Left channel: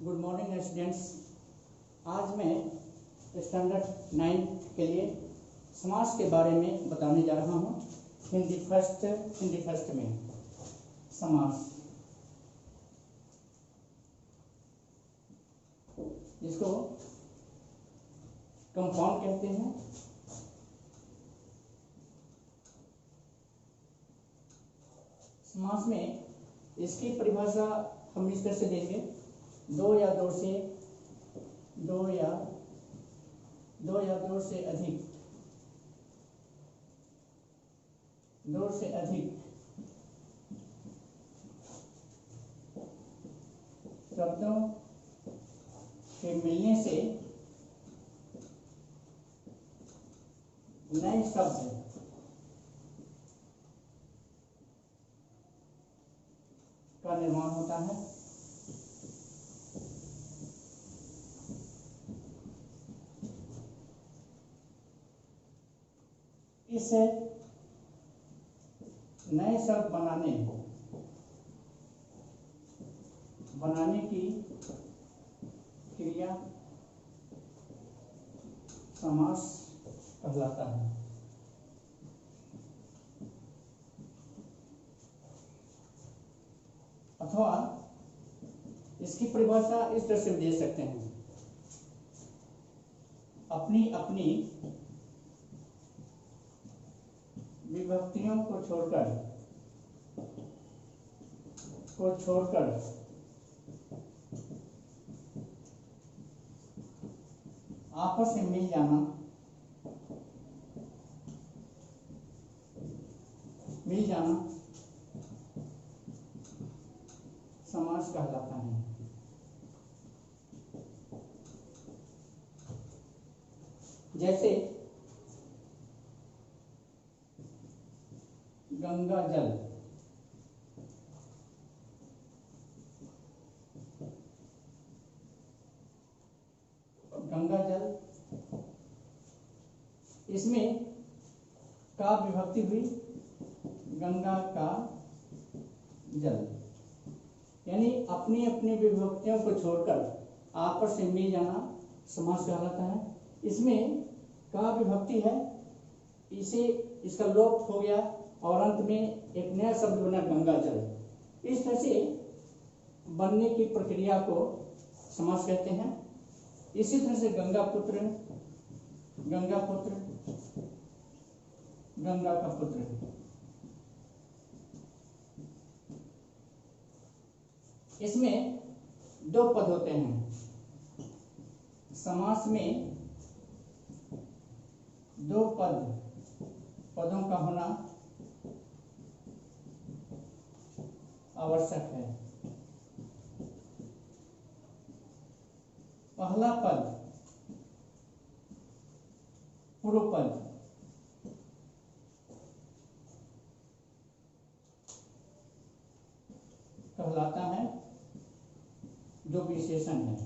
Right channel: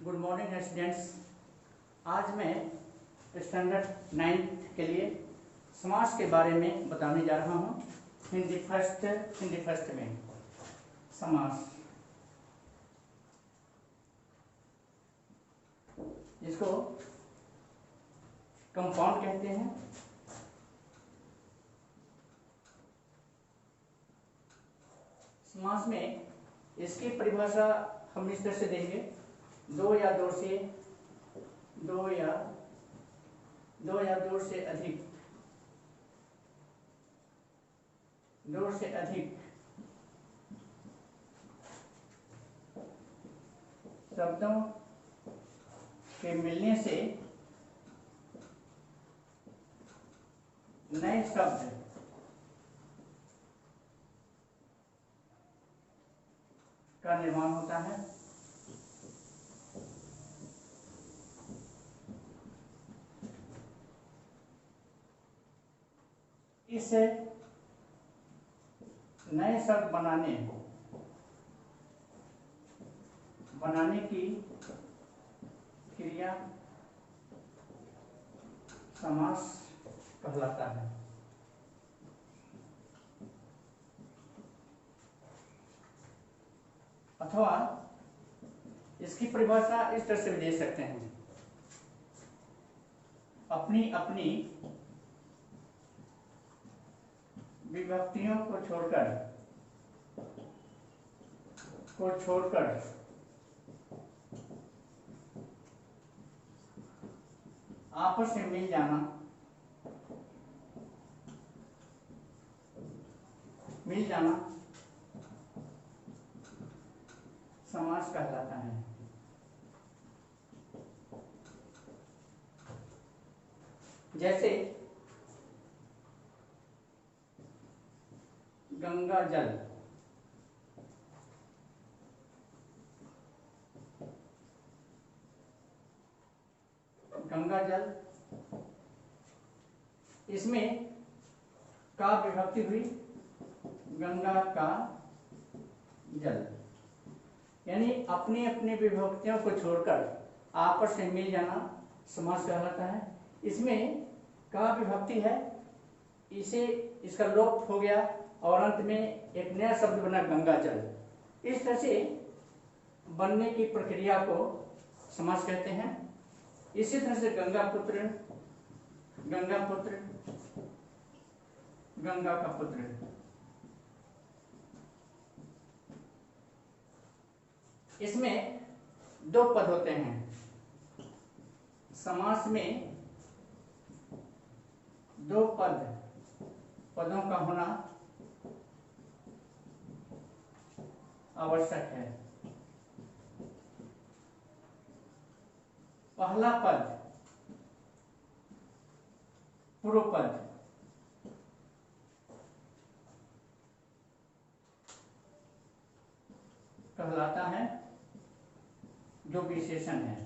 Good morning students. आज मैं standard 9th के लिए समास के बारे में बताने जा रहा हूँ। हिंदी फर्स्ट में समास, जिसको कंपाउंड कहते हैं। समास में इसकी परिभाषा हम इस तरह से देंगे, दो या दो से अधिक शब्दों के मिलने से नए शब्द का निर्माण होता है। इस नए शब्द बनाने की क्रिया समास कहलाता है। अथवा इसकी परिभाषा इस तरह से भी दे सकते हैं, अपनी अपनी विभक्तियों को छोड़कर आपस में मिल जाना समास कहलाता है। जैसे गंगा जल, इसमें का विभक्ति हुई गंगा का जल, यानी अपनी अपनी विभक्तियों को छोड़कर आपस में मिल जाना समास कहलाता है। इसमें का विभक्ति है, इसका लोप हो गया और अंत में एक नया शब्द बना गंगा जल। इस तरह से बनने की प्रक्रिया को समास कहते हैं। इसी तरह से गंगा का पुत्र, इसमें दो पद होते हैं। समास में दो पदों का होना आवश्यक है। पहला पद पूर्व पद कहलाता है, जो विशेषण है।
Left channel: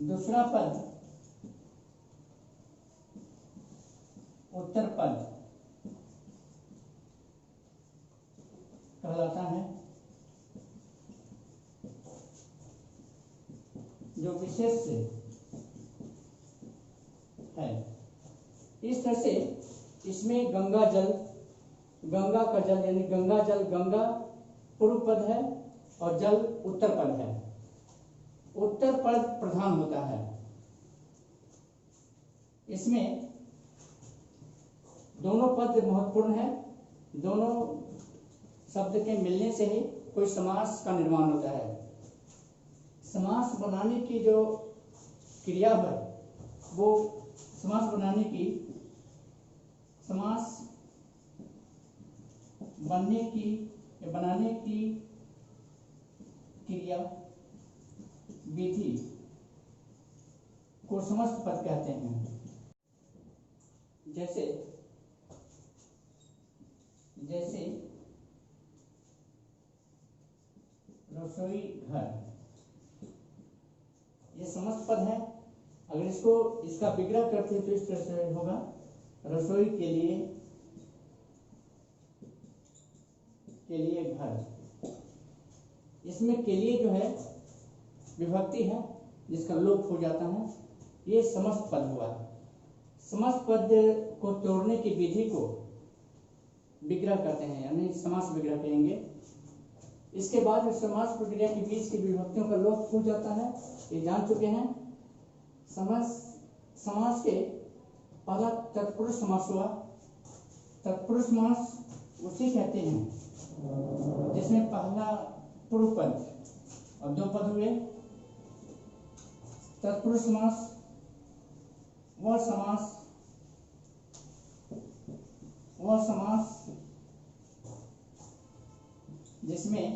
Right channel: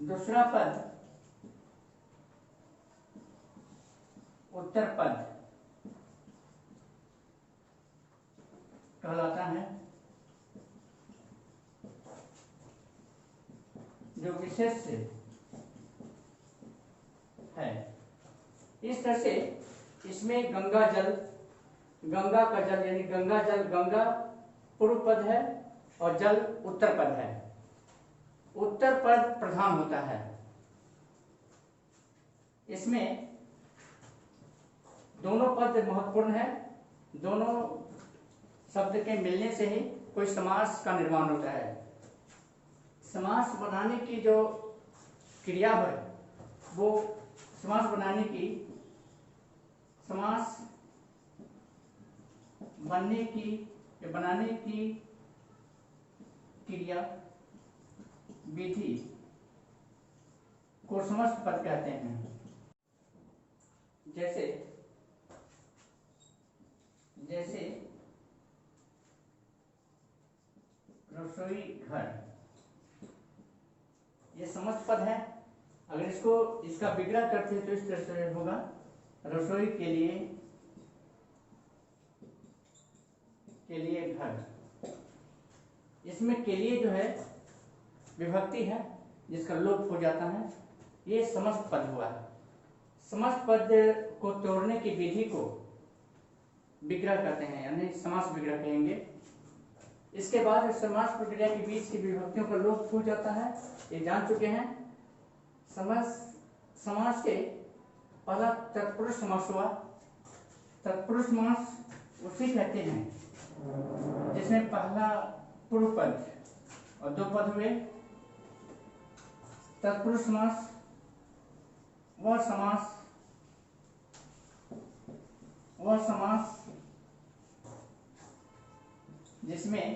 दूसरा पद उत्तर पद कहलाता है, जो विशेष है। इस तरह से इसमें गंगा का जल यानी गंगा पूर्व पद है और जल उत्तर पद है। उत्तर पद प्रधान होता है। इसमें दोनों पद महत्वपूर्ण है। दोनों शब्द के मिलने से ही कोई समास का निर्माण होता है। समास बनाने की जो क्रिया है, वो समास बनाने की क्रिया विधि को समस्त पद कहते हैं। जैसे रसोई घर, ये समस्त पद है। अगर इसका विग्रह करते तो इस तरह से होगा, रसोई के लिए के लिए घर। इसमें के लिए जो है विभक्ति है जिसका लोप हो जाता है, ये समस्त पद हुआ। समस्त पद को तोड़ने की विधि को विग्रह कहते हैं, यानी समास विग्रह कहेंगे। इसके बाद समास प्रक्रिया के बीच की विभक्तियों का लोप हो जाता है, ये जान चुके हैं। समास के पहला तत्पुरुष समास हुआ। तत्पुरुष समास उसे कहते हैं जिसमें पहला पूर्व पद और दो पद हुए। तत्पुरुष समास वह समास जिसमें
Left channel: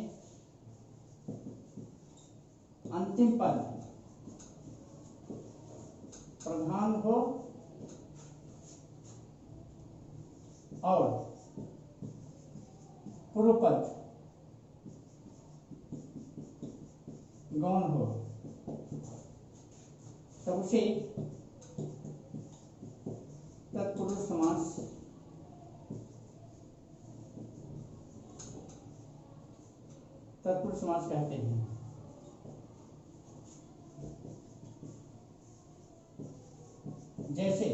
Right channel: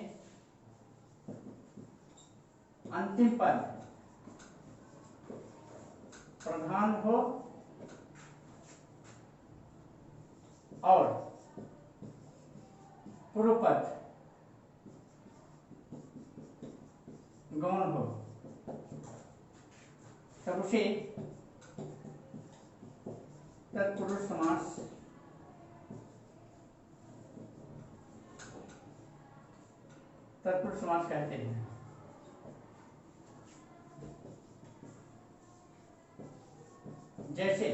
अंतिम पद प्रधान हो और पूर्व पद गौण हो, तब उसे तत्पुरुष समास कहते हैं। जैसे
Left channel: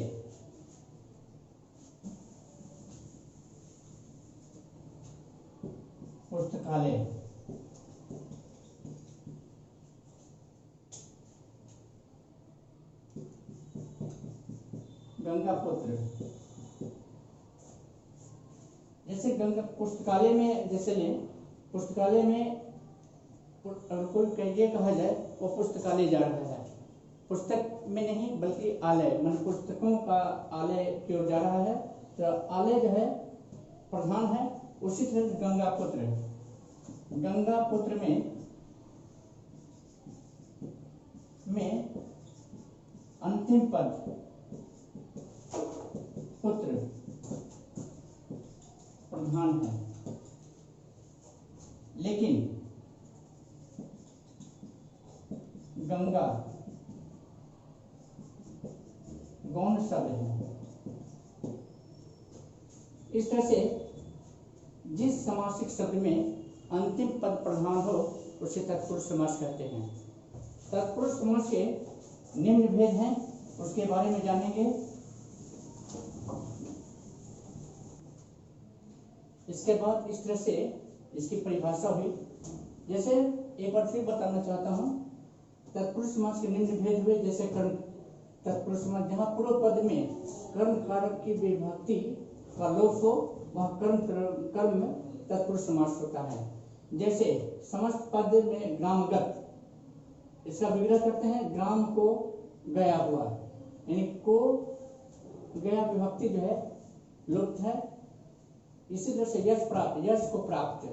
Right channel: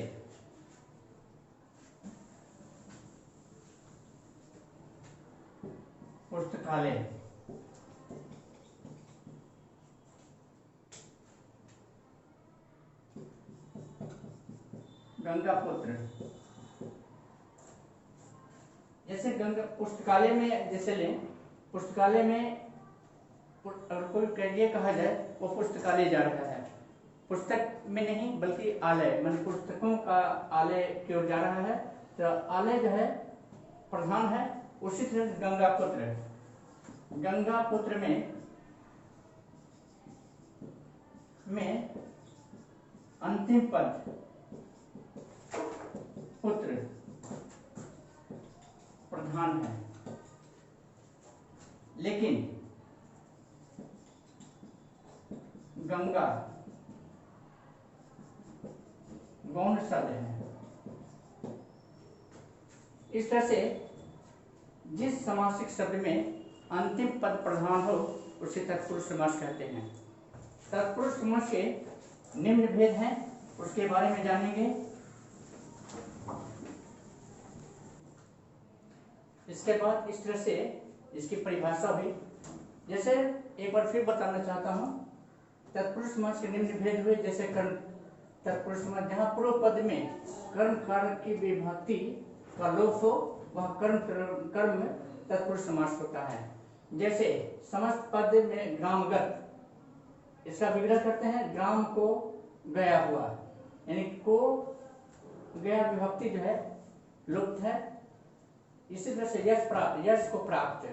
पुस्तकालय, गंगा पुत्र। जैसे गंगा पुस्तकालय में जैसे लें, पुस्तकालय में अगर कोई ये कहा जाए वो पुस्तकालय जा रहा है, पुस्तक में नहीं बल्कि आलय, मान पुस्तकों का आलय की ओर जा रहा है, तो आलय जो है प्रधान है। उसी तरह गंगा पुत्र में अंतिम पद पुत्र प्रधान है, लेकिन गंगा गौण शब्द है। इस तरह से जिस समासिक शब्द में अंतिम पद प्रधान हो उसे तत्पुरुष समास कहते हैं। तत्पुरुष समास के निम्न भेद हैं, उसके बारे में जानेंगे। इसके बाद इस तरह से इसकी परिभाषा हुई। जैसे एक बार फिर बताना चाहता हूं, तत्पुरुष समास के निम्न भेद हुए। जैसे कर्म तत्पुरुष समास, जहां पूर्व पद में कर्म कार्य की विभक्ति का लोप हो वह कर्म में तत्पुरुष समास होता है। जैसे समस्त पद में ग्रामगत, इसका विग्रह करते हैं ग्राम को गया हुआ, यानी को गया विभक्ति जो है लुप्त है। इसी तरह से यश को प्राप्त।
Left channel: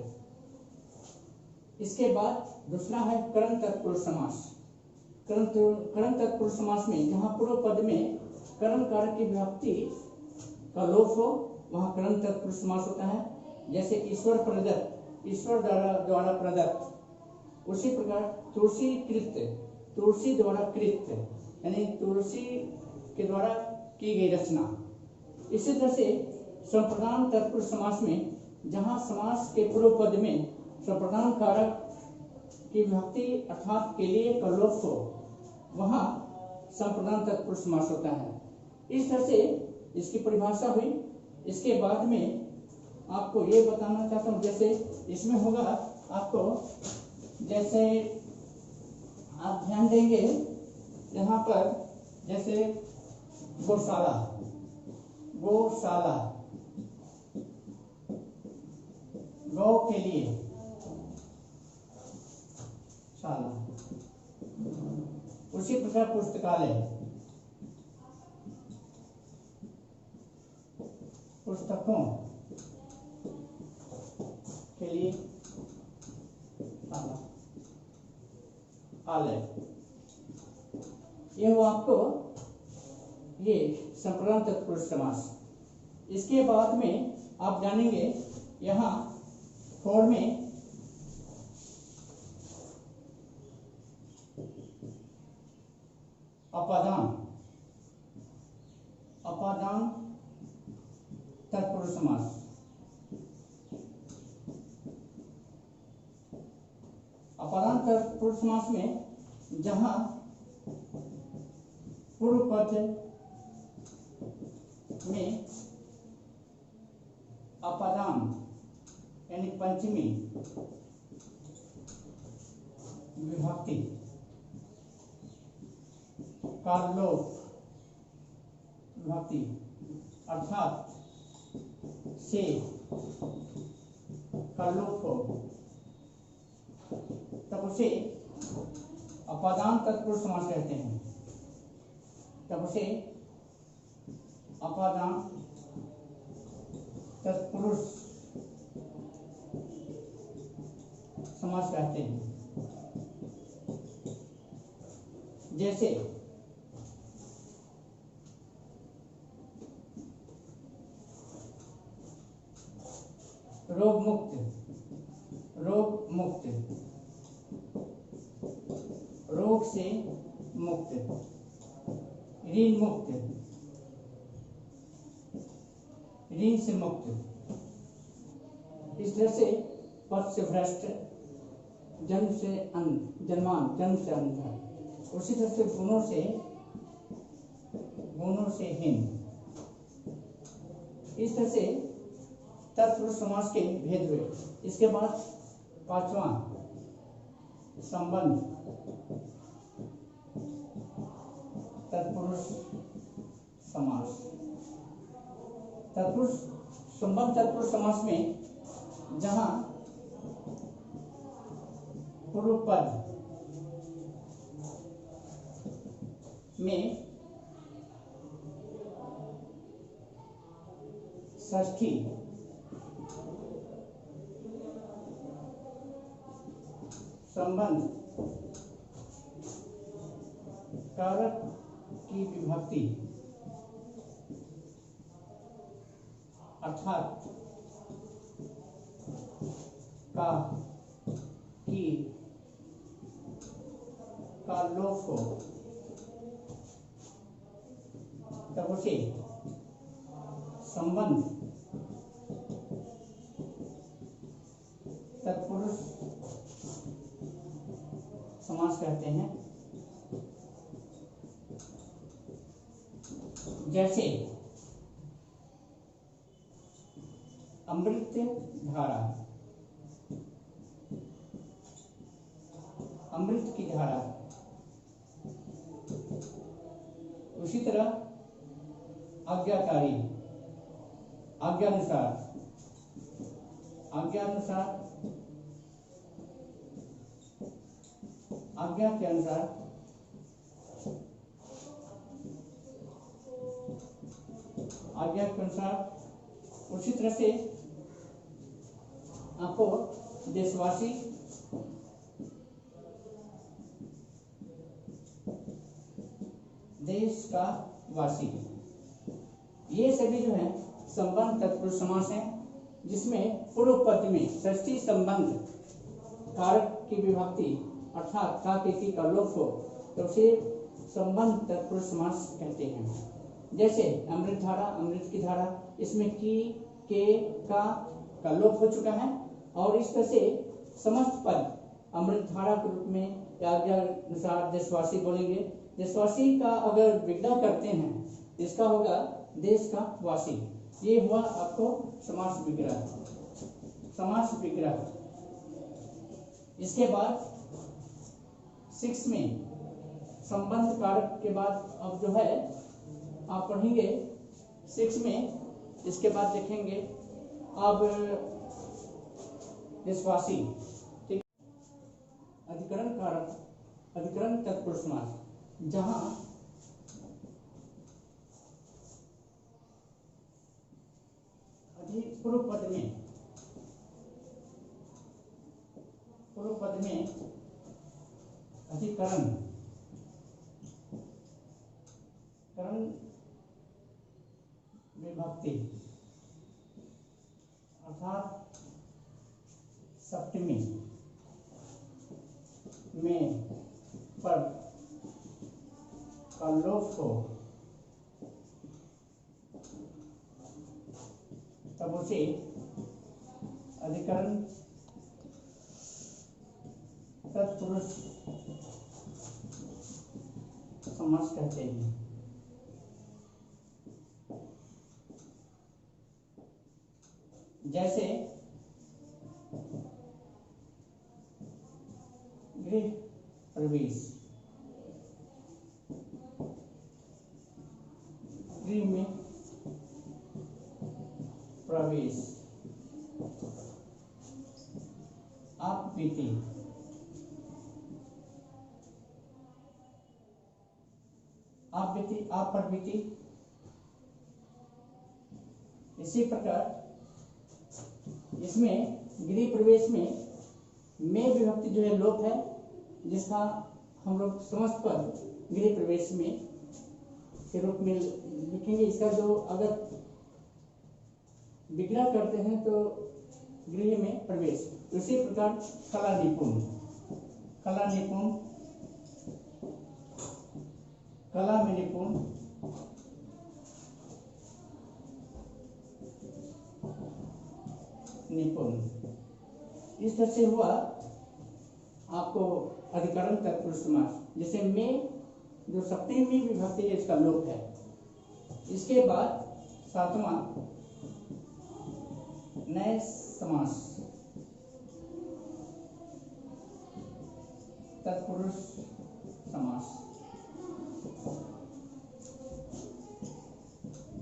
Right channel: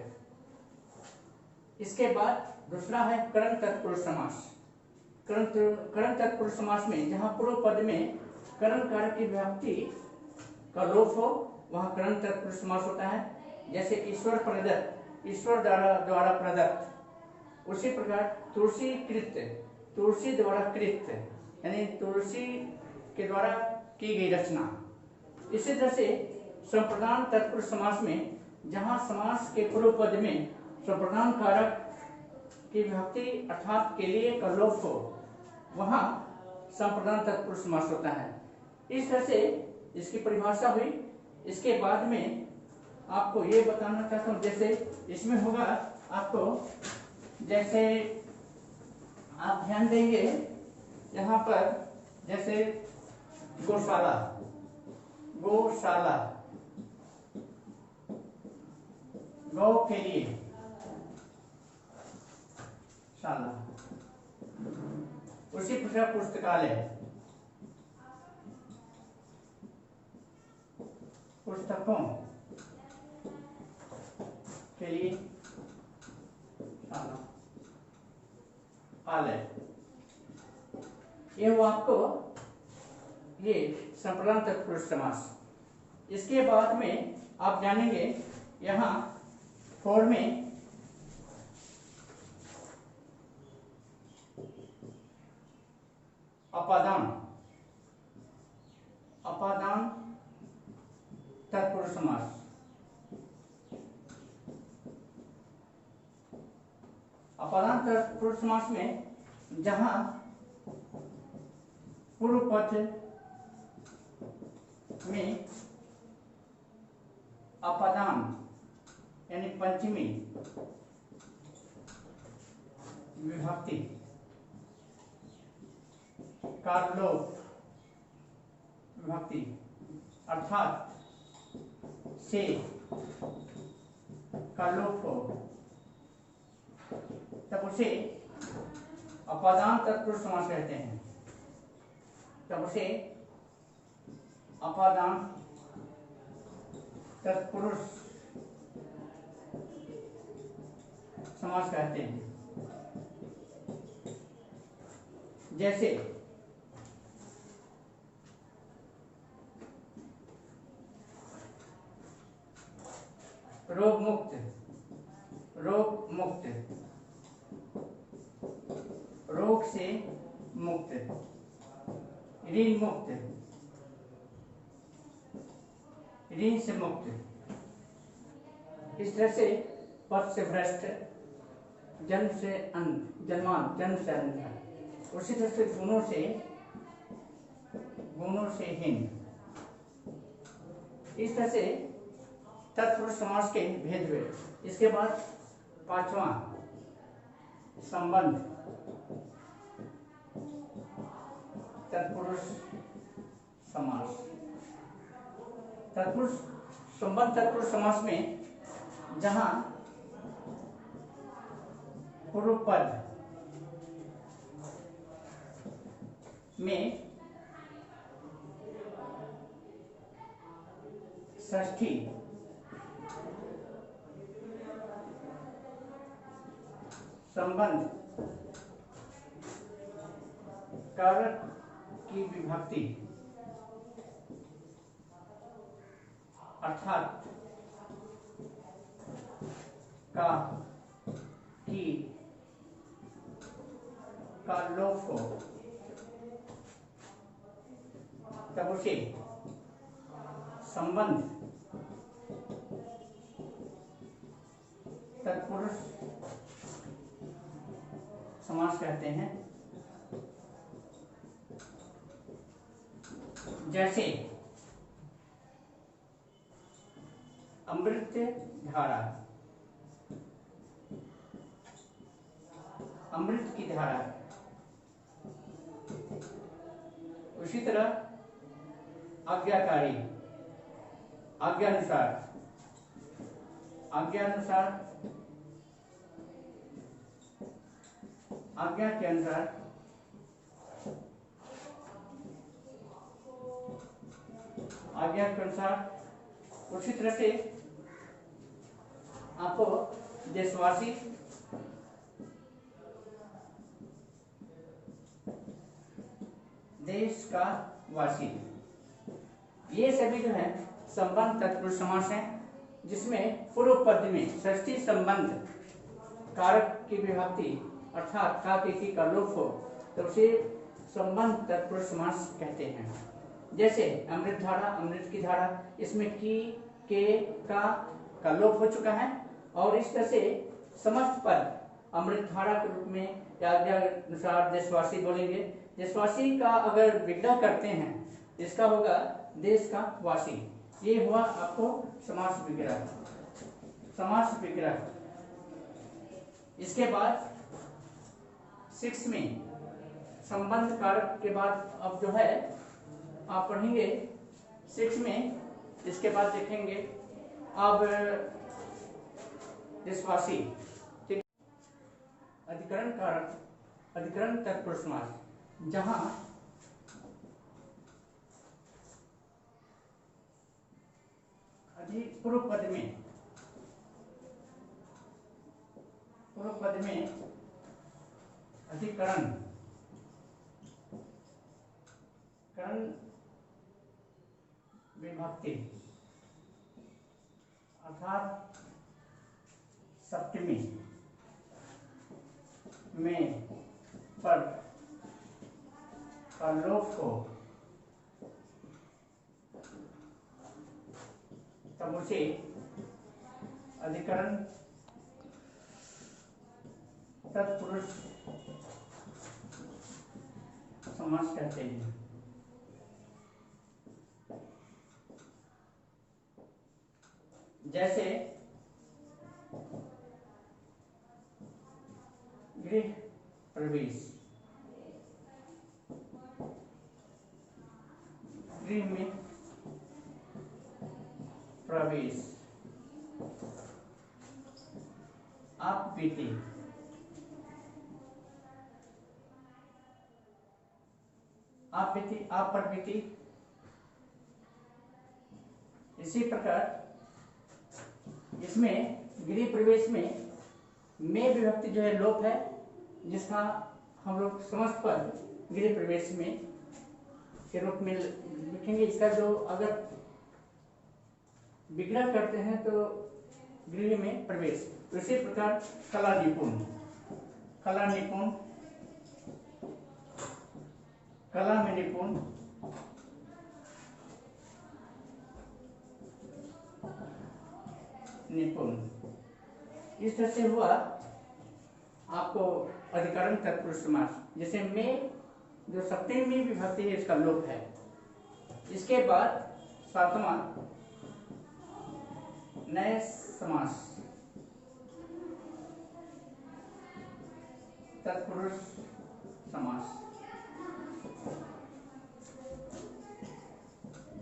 इसके बाद दूसरा है कर्ण तत्पुरुष समास। कर्ण तत्पुरुष समास में जहां पूर्व पद में कर्ण कार्य की विभक्ति का लोप हो वहां कर्ण तत्पुरुष समास होता है। जैसे ईश्वर प्रदत्त, ईश्वर द्वारा प्रदत्त। उसी प्रकार तुलसी द्वारा कृत, यानी तुलसी के द्वारा की गई रचना। इसी तरह से संप्रदान तत्पुरुष समास में जहां समास के पूर्व पद में संप्रदान कारक की विभक्ति अर्थात के लिए का लोप हो वहां संप्रदान तत्पुरुष समास होता है। इस तरह से इसकी परिभाषा हुई। इसके बाद में आपको ये बताना चाहता हूं, जैसे इसमें होगा आपको, जैसे आप ध्यान देंगे यहाँ पर, जैसे गौशाला, गौ के लिए शाला। उसी प्रकार पुस्तकालय, पुस्तकों के लिए शाला, आलय। ये वो आपको ये संप्रदान तत्पुरुष समास। इसके बाद में आप जानेंगे यहाँ फोर में अपादान तत्पुरुष समास। अपादान तत्पुरुष समास में जहां पूर्व पद में अपादान यानी पंचमी विभक्ति का लोप विभक्ति अर्थात से का लोप हो, तब उसे अपादान तत्पुरुष समास कहते हैं। तब उसे अपादान तत्पुरुष समास कहते हैं। जैसे रोग मुक्त, रोग मुक्त, रोग से मुक्त, ऋण मुक्त, ऋण से मुक्त। इस तरह से पद से भ्रष्ट, जन्म से अंध, जन्मान जन्म से अंध, उसी तरह से गुणों से हीन। इस तरह से तत्पुरुष समास के भेद हुए। इसके बाद पांचवा संबंध तत्पुरुष समास। तत्पुरुष संबंध तत्पुरुष समास में जहां पूर्व पद में षष्ठी संबंध कारक की विभक्ति अर्थात का की का लोप हो, तब उसे संबंध तत्पुरुष समास कहते हैं। जैसे अमृत धारा, अमृत की धारा। उसी तरह आज्ञाकारी, आज्ञानुसार, आज्ञानुसार, आज्ञा के अनुसार, आज्ञा के अनुसार। उसी तरह से आपको देशवासी, देश का वासी, ये सभी जो है संबंध तत्पुरुष समास है, जिसमें पूर्व पद में षष्ठी संबंध कारक की विभक्ति अर्थात का किसी का लोप हो, तो उसे संबंध तत्पुरुष समास कहते हैं। जैसे अमृत धारा, अमृत की धारा, इसमें की, के, का लोप हो चुका है, और इस तरह से समस्त पद अमृत धारा के रूप में आज्ञा अनुसार देशवासी बोलेंगे। देशवासी का अगर विग्रह करते हैं, इसका होगा देश का वासी। ये हुआ आपको समास विग्रह, समास विग्रह। इसके बाद 6 में संबंध कारक के बाद अब जो है आप पढ़ेंगे 6 में। इसके बाद देखेंगे अब देशवासी, ठीक। अधिकरण कारक, अधिकरण तत्पुरुष समास, जहां पूर्व पद में अधिकरण करण विभक्ति अर्थात सप्तमी में पद का लोप हो, तब उसे अधिकरण तत्पुरुष समास कहते हैं। जैसे गृह प्रवेश, गृह में प्रवेश, आप बीते, आप बीती, आप पर बीती। इसी प्रकार इसमें गृह प्रवेश में विभक्ति जो है लोप है, जिसका हम लोग समस्त पद गृह प्रवेश में के रूप में लिखेंगे। इसका जो अगर विग्रह करते हैं तो गृह में प्रवेश। इसी प्रकार कला निपुण, कला निपुण, कला में निपुण, निपुण। इस तरह से हुआ आपको अधिकरण तत्पुरुष समास। जैसे में जो सप्तमी विभक्ति है इसका लोप है। इसके बाद सातवां नए समास, तत्पुरुष समास।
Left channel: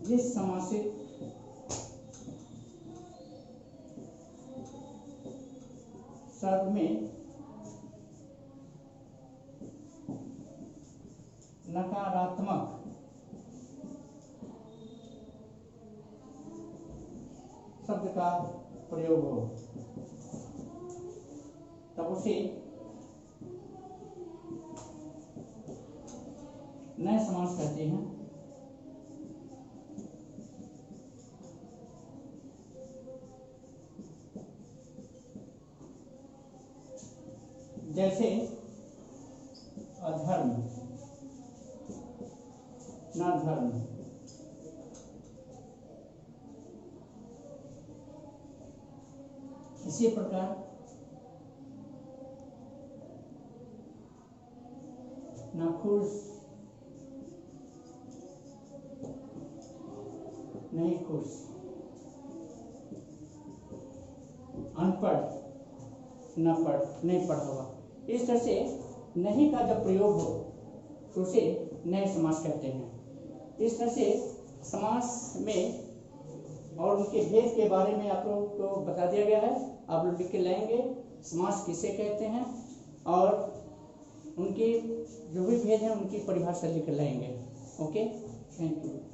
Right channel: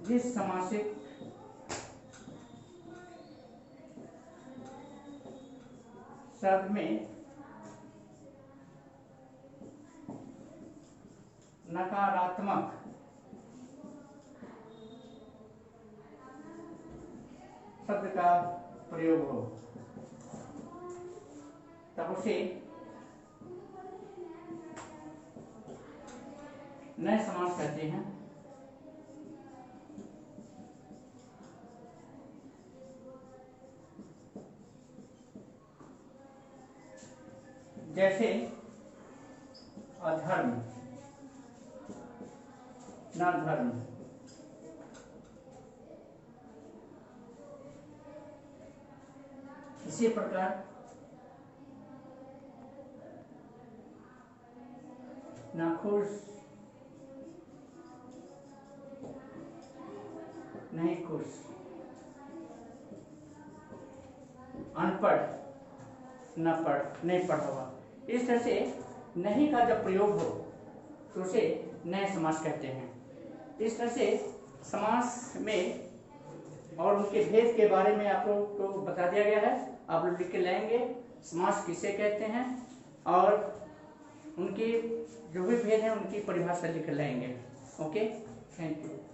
जिस समासिक शब्द में नकारात्मक शब्द का प्रयोग हो तब उसे नए समास कहते हैं। जैसे अधर्म, न धर्म, इसी प्रकार न खुश, नहीं खुश, अनपढ़, न पढ़, नहीं पढ़ा हुआ। इस तरह से नहीं का जब प्रयोग हो तो उसे नए समास कहते हैं। इस तरह से समास में और उनके भेद के बारे में आप लोग को बता दिया गया है। आप लोग लिख के लाएंगे समास किसे कहते हैं और उनकी जो भी भेद है उनकी परिभाषा लिख लाएंगे। Okay, thank you.